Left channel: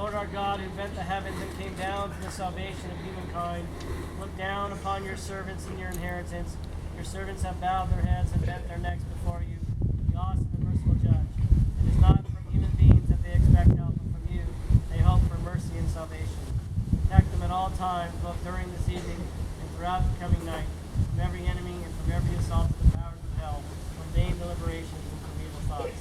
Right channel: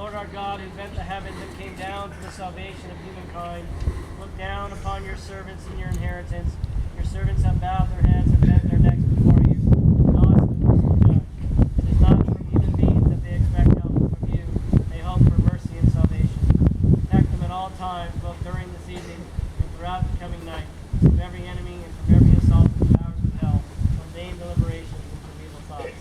Lord our God, who bent the heavens and came down for the salvation of humankind, look down upon your servants and your inheritance. Your servants have bowed their heads and bent their necks before you. God is the merciful judge. It is not from human beings that they expect help, but from you. They hope for mercy and salvation. Protect them at all times, both during this evening and throughout the coming night, from every enemy and from every assault of the powers of hell, from vain deliberations and from evil thoughts.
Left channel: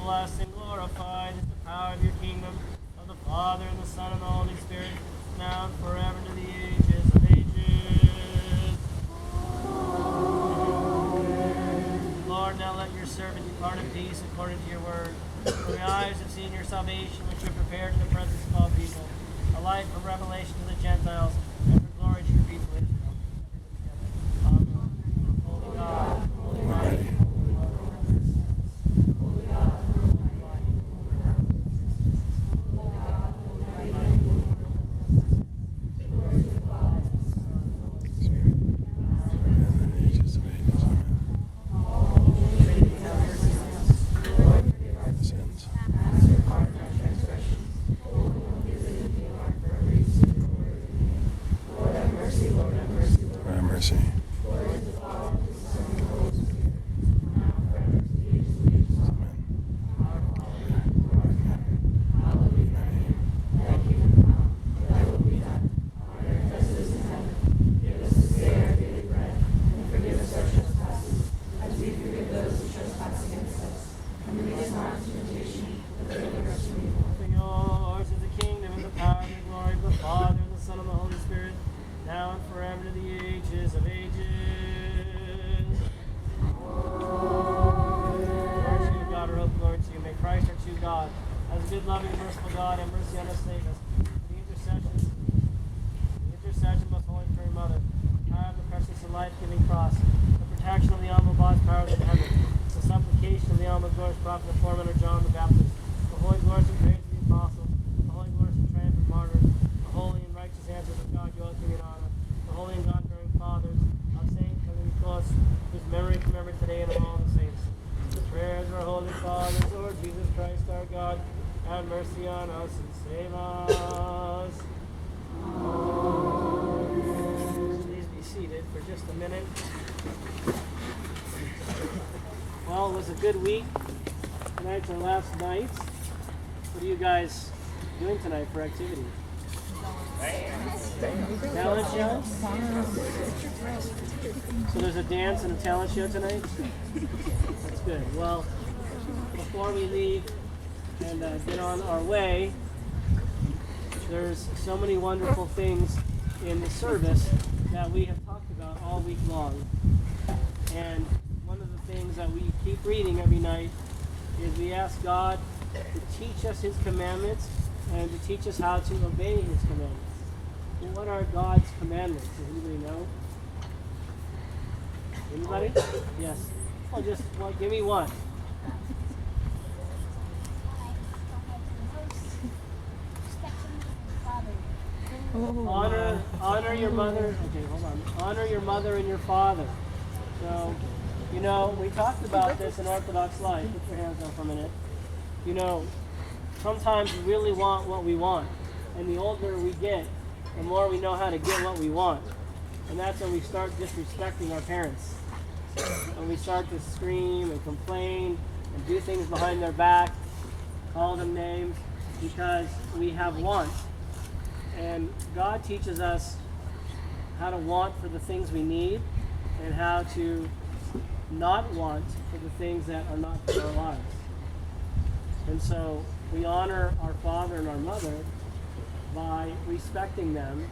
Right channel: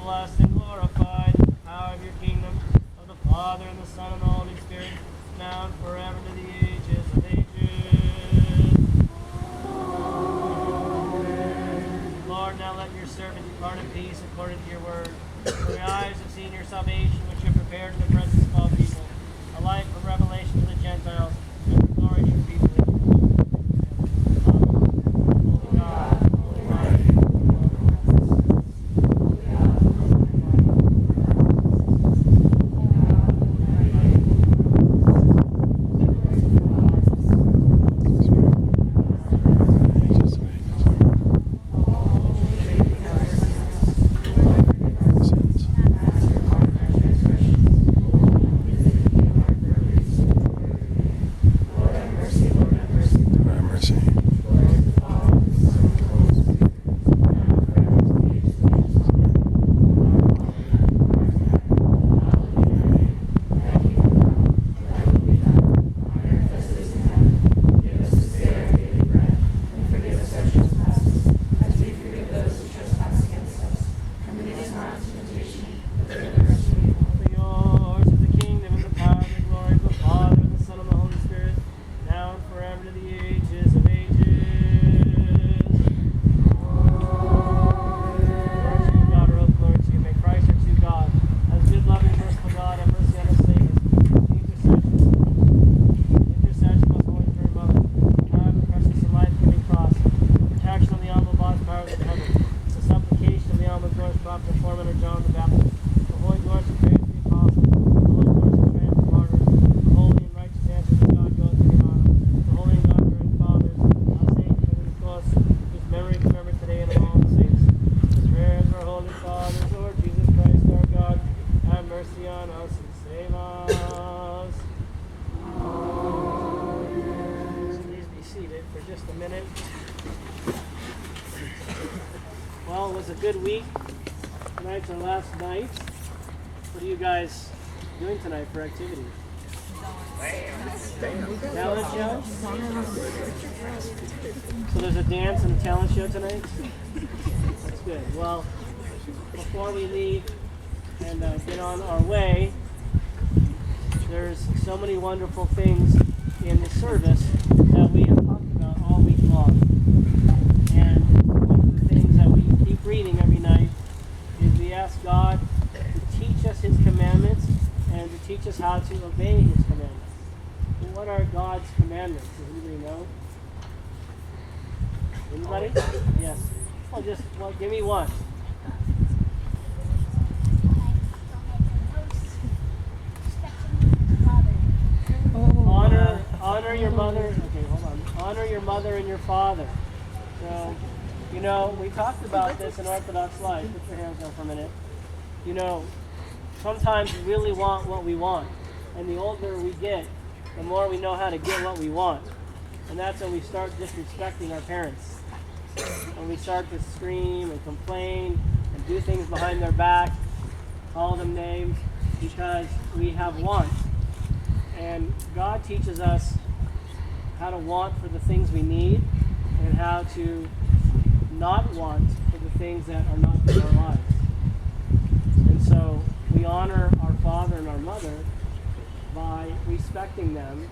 Blessed and glorified is the power of your kingdom, of the Father and the Son and the Holy Spirit, now and forever to the ages of ages. Amen. Lord, now let your servant depart in peace according to your word. For the eyes have seen your salvation, which you have prepared in the presence of all people, a light from revelation to the Gentiles, and for glory to your people. Holy God, holy mighty. Forever to the ages of ages. minute. Well, it was a good week. Tonight's our last night. What are you guys doing tonight for activity? Talent show? So there's a dance and a talent show tonight? That's good. Well, before we leave and get on our way, there's so many wonderful things in the service that we have talked about all week long. And one of the things that we keep reading every night is we ask God to teach us His commandments and to teach us how to obey His commandments. Well, what are God's commandments? Does anybody know? Anybody? Yes. Well, give me one. Honor your mother. Okay, hold on. Honor your mother and your father. So, we talked about this in Orthodox life. Put your hands down for a minute. Sometimes we really want what we want. And the older we get, the more we know how to get what we want. And that's when we start disrespecting our parents. And we start to scream and complain and do things behind their back, call them names, because we have wants. And God teaches us how to want for the things we need and how to not want for the things that are not for our lives. And so we honor our father and our mother by respecting them.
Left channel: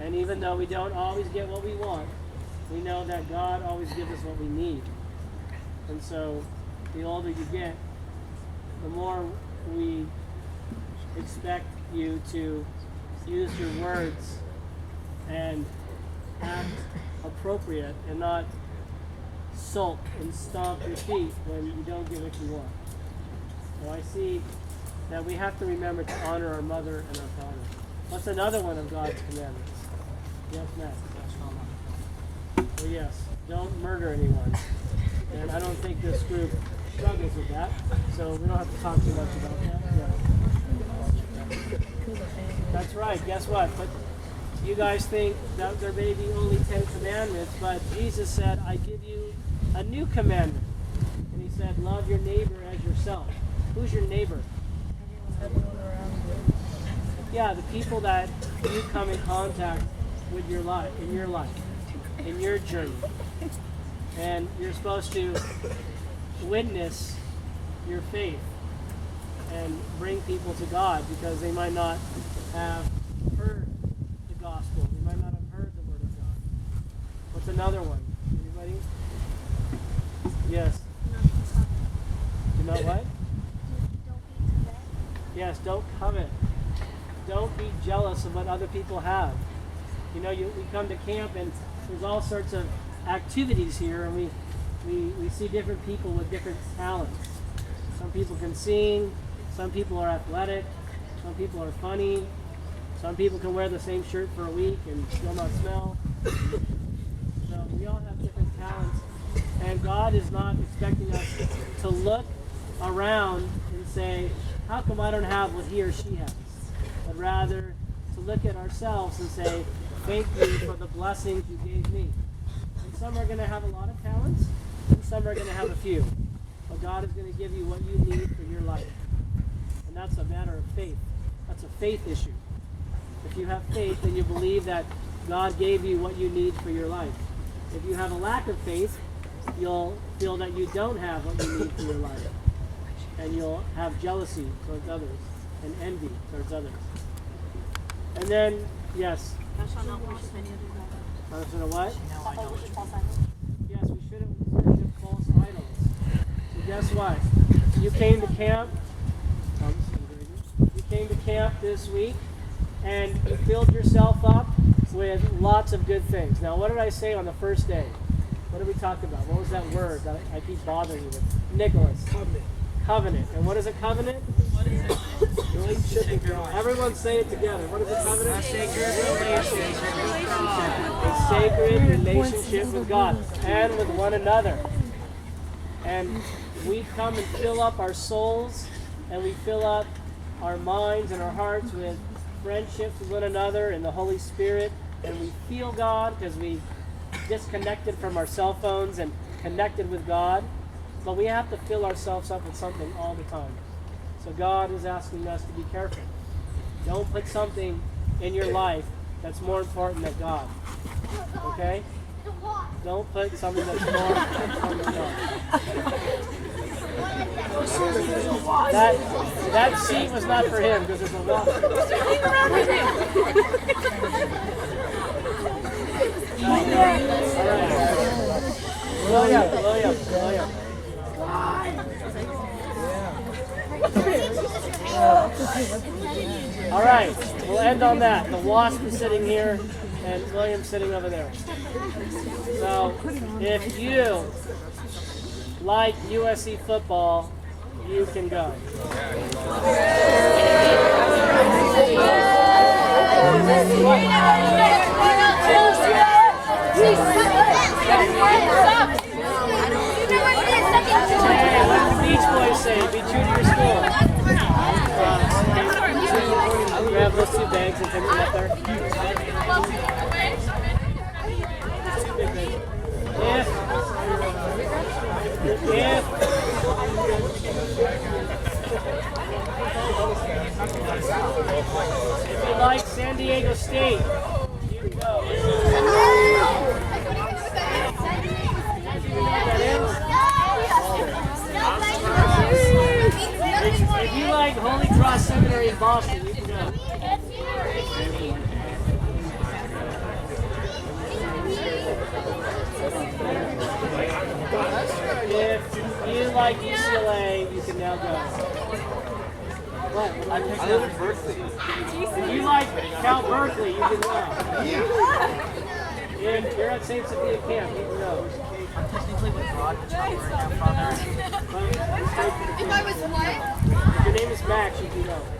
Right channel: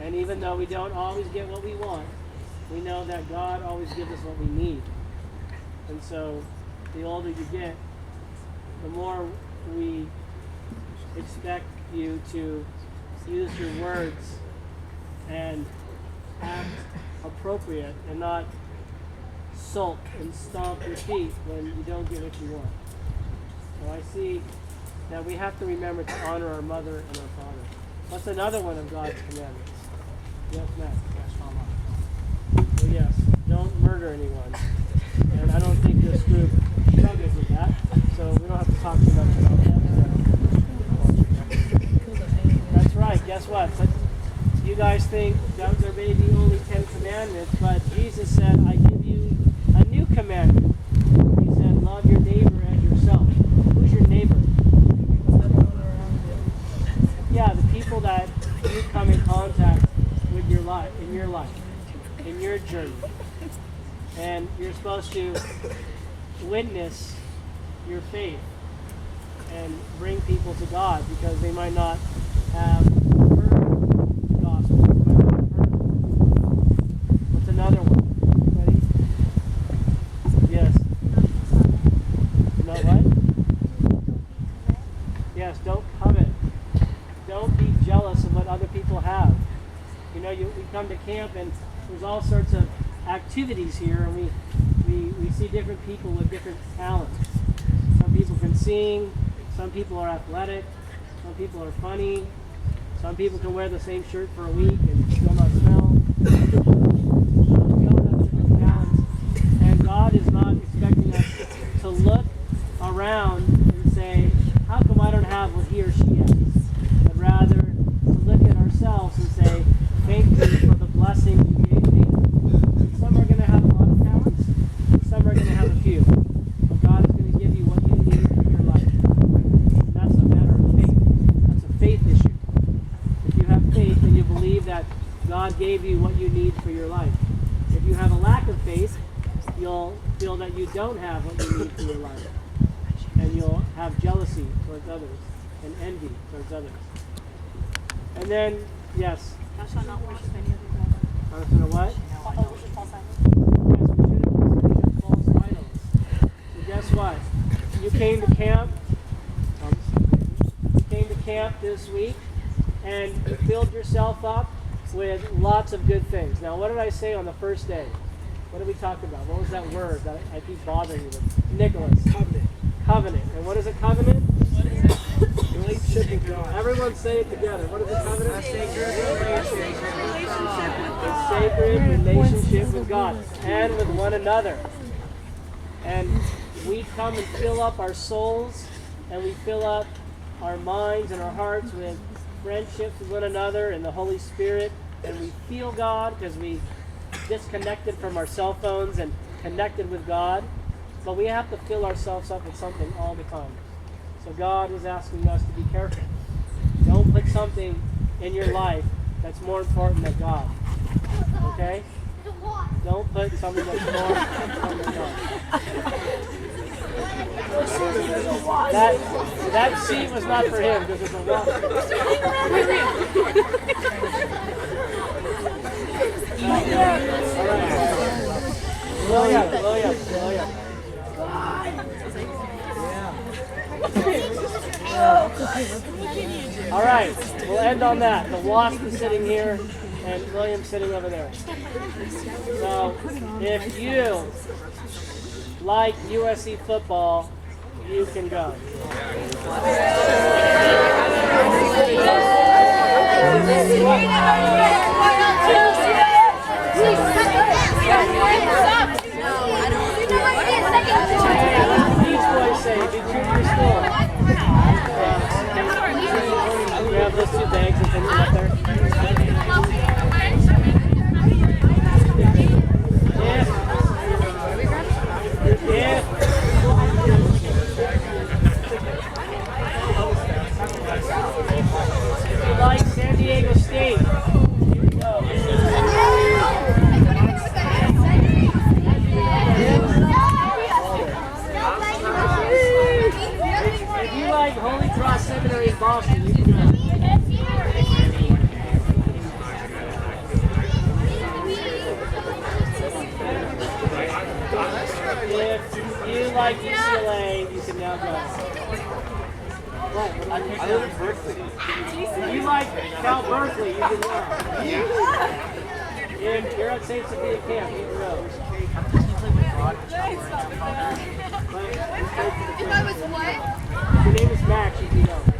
And even though we don't always get what we want, we know that God always gives us what we need. And so the older you get, the more we expect you to use your words and act appropriate and not sulk and stomp your feet when you don't get what you want. So I see that we have to remember to honor our mother and our father. What's another one of God's commandments? Yes, Matt? Well, yes, don't murder anyone. And I don't think this group struggles with that, so we don't have to talk too much about that. Yeah. That's right, guess what? But you guys think that there may be only 10 commandments, but Jesus said, I give you a new commandment. He said, love your neighbor as yourself. Who's your neighbor? Yeah, the people that you come in contact with in your life, in your journey. And you're supposed to witness your faith and bring people to God because they might not have heard the gospel. They might not have heard the word. What's another one? Anybody? Yes. You know what? Yes, don't covet. Don't be jealous of what other people have. We come to camp and there's all sorts of activities here, and we see different people with different talents. Some people can sing, some people are athletic, some people are funny, some people can wear the same shirt for a week and still not smell. We all have different talents, and God is not expecting us to look around and say, how come I don't have what he or she has? But rather to look at ourselves and say, thank you for the blessing you gave me. And some are going to have a lot of talents, and some are going to have a few. But God is going to give you what you need for your life. And that's a matter of faith. That's a faith issue. If you have faith, then you believe that God gave you what you need for your life. If you have a lack of faith, you'll feel that you don't have what you need for your life. And you'll have jealousy towards others and envy towards others. And then, yes. Thou shalt not worship any other God. Thou shalt not what? Not worship false idols. Yes, we shouldn't worship false idols. And guess what? You came to camp. You came to camp this week, and you filled yourself up with lots of good things. Now, what did I say on the first day? What did we talk about? What was that word that I keep bothering you with? Nicholas. Covenant. Covenant. And what is a covenant? What is it? Relationship with God. Everyone say it together. What is a covenant? Sacred relationship with God. A sacred relationship with God and with one another. And we come and fill up our souls and we fill up our minds and our hearts with friendships with one another and the Holy Spirit, and we feel God because we disconnected from our cell phones and connected with God, but we have to fill ourselves up with something all the time. So God is asking us to be careful. Don't put something in your life that's more important than God. Okay? Don't put something that's more important than God. That seat was not for him because it's a walk. All right. Blow up. All right, we'll end on that. The wasp is sitting here, and William's sitting over there. So, if you like USC football, you can go. Each boy say, did you your school? Grab those two bags and put them up there. If you like San Diego State, you can go. If you like Holy Cross Seminary in Boston, you can go. If you like UCLA, you can now go. What? I live in Berkeley. If you like Cal Berkeley, you can go. If you're at St. Sophia Camp, you can go. If I was what? Your name is Max, you can go.